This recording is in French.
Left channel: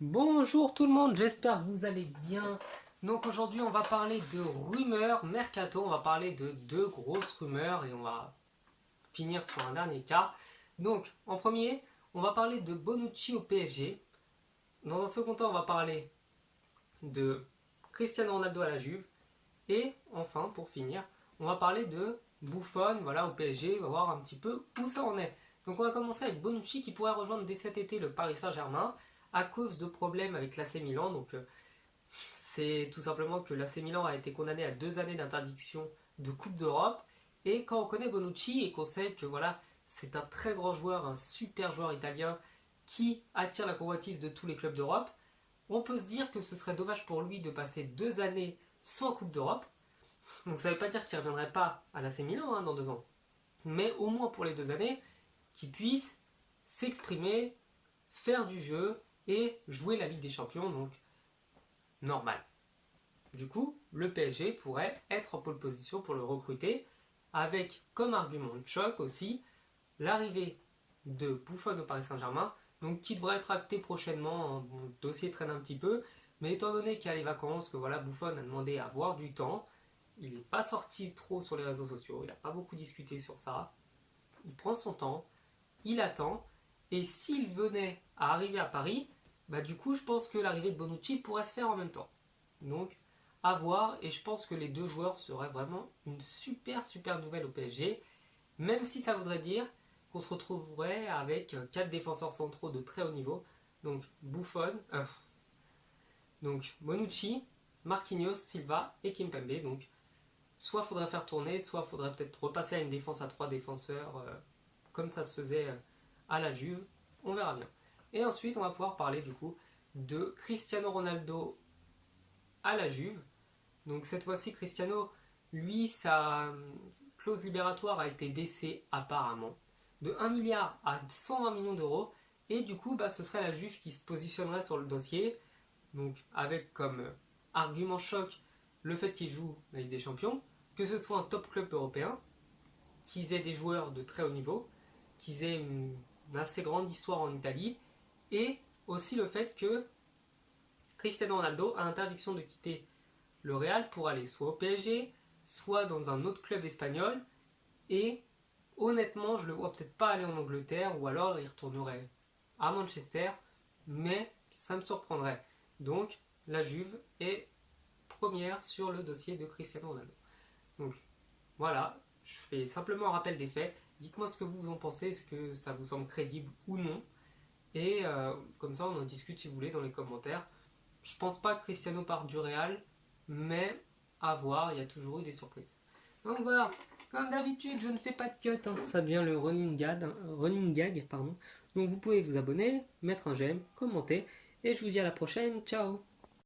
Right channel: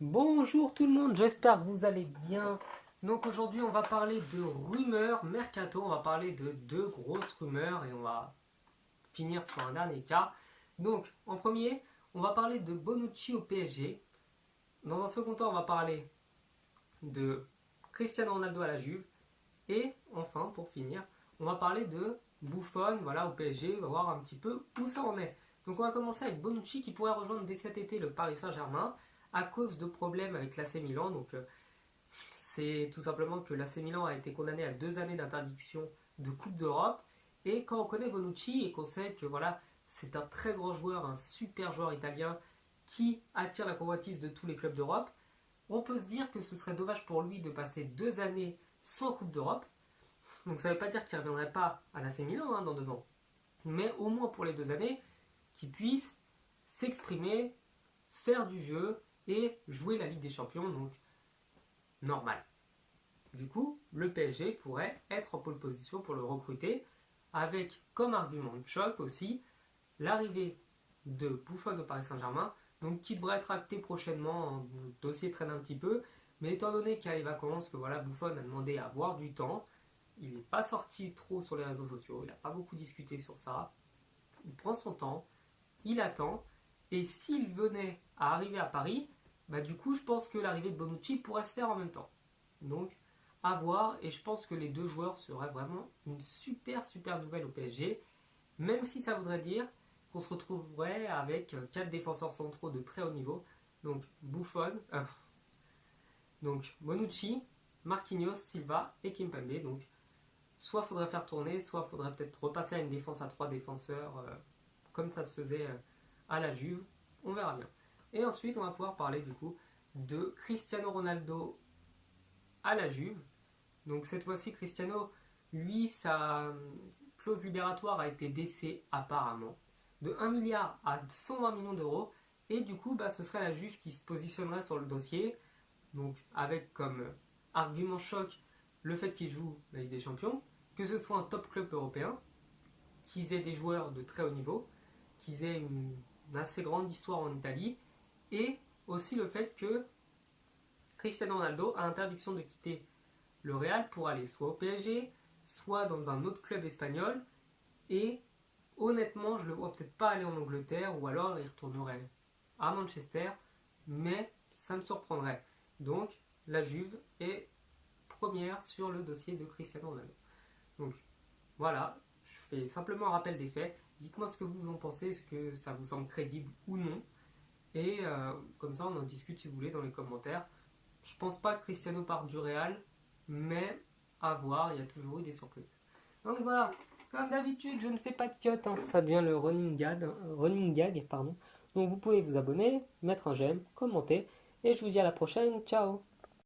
Bonjour tout le monde, j'espère que vous allez bien. Donc aujourd'hui on va parler de rumeurs mercato, on va parler de deux grosses rumeurs et on va finir sur un dernier cas. Donc en premier, on va parler de Bonucci au PSG. Dans un second temps, on va parler de Cristiano Ronaldo à la Juve. Et enfin, pour finir, on va parler de Buffon voilà, au PSG, on va voir un petit peu où ça en est. Donc on va commencer avec Bonucci qui pourrait rejoindre dès cet été le Paris Saint-Germain à cause de problèmes avec l'AC Milan. Donc c'est tout simplement que l'AC Milan a été condamné à 2 années d'interdiction de Coupe d'Europe. Et quand on connaît Bonucci et qu'on sait que voilà, c'est un très grand joueur, un super joueur italien qui attire la convoitise de tous les clubs d'Europe, on peut se dire que ce serait dommage pour lui de passer 2 années sans Coupe d'Europe. Donc ça ne veut pas dire qu'il ne reviendrait pas à l'AC Milan dans 2 ans. Mais au moins pour les 2 années, qu'il puisse s'exprimer, faire du jeu et jouer la Ligue des Champions, donc normal. Du coup, le PSG pourrait être en pole position pour le recruter, avec comme argument de choc aussi l'arrivée de Buffon au Paris Saint-Germain, donc qui devrait être acté prochainement. Le dossier traîne un petit peu, mais étant donné qu'il y a les vacances, que voilà, Buffon a demandé à avoir du temps, il n'est pas sorti trop sur les réseaux sociaux, il n'a pas beaucoup discuté sur ça. Il prend son temps, il attend, et s'il venait à arriver à Paris, bah du coup je pense que l'arrivée de Bonucci pourrait se faire en même temps. Donc à voir, et je pense que les deux joueurs seraient vraiment une super nouvelle au PSG, même si ça voudrait dire qu'on se retrouverait avec 4 défenseurs centraux de très haut niveau, donc Buffon, donc Bonucci, Marquinhos, Silva et Kimpembe. Donc soit faudrait faire tourner, soit faudrait peut-être repasser à une défense à 3 défenseurs, comme ça se faisait à la Juve. On verra bien. Et ensuite, on va pouvoir parler du coup de Cristiano Ronaldo à la Juve. Donc cette fois-ci, Cristiano, lui, sa clause libératoire a été baissée apparemment de 1 milliard à 120 millions d'euros. Et du coup, ce serait la Juve qui se positionnerait sur le dossier. Donc avec comme argument choc le fait qu'il joue la Ligue des Champions, que ce soit un top club européen, qu'ils aient des joueurs de très haut niveau, qu'ils aient une assez grande histoire en Italie, et aussi le fait que Cristiano Ronaldo a interdiction de quitter le Real pour aller soit au PSG, soit dans un autre club espagnol, et honnêtement, je le vois peut-être pas aller en Angleterre, ou alors il retournerait à Manchester, mais ça me surprendrait. Donc, la Juve est première sur le dossier de Cristiano Ronaldo. Donc, voilà, je fais simplement un rappel des faits. Dites-moi ce que vous en pensez, est-ce que ça vous semble crédible ou non. Et comme ça, on en discute si vous voulez dans les commentaires. Je pense pas que Cristiano parte du Real, mais à voir, il y a toujours eu des surprises. Donc voilà, comme d'habitude, je ne fais pas de cut, ça devient le running gag, pardon. Donc vous pouvez vous abonner, mettre un j'aime, commenter, et je vous dis à la prochaine, ciao.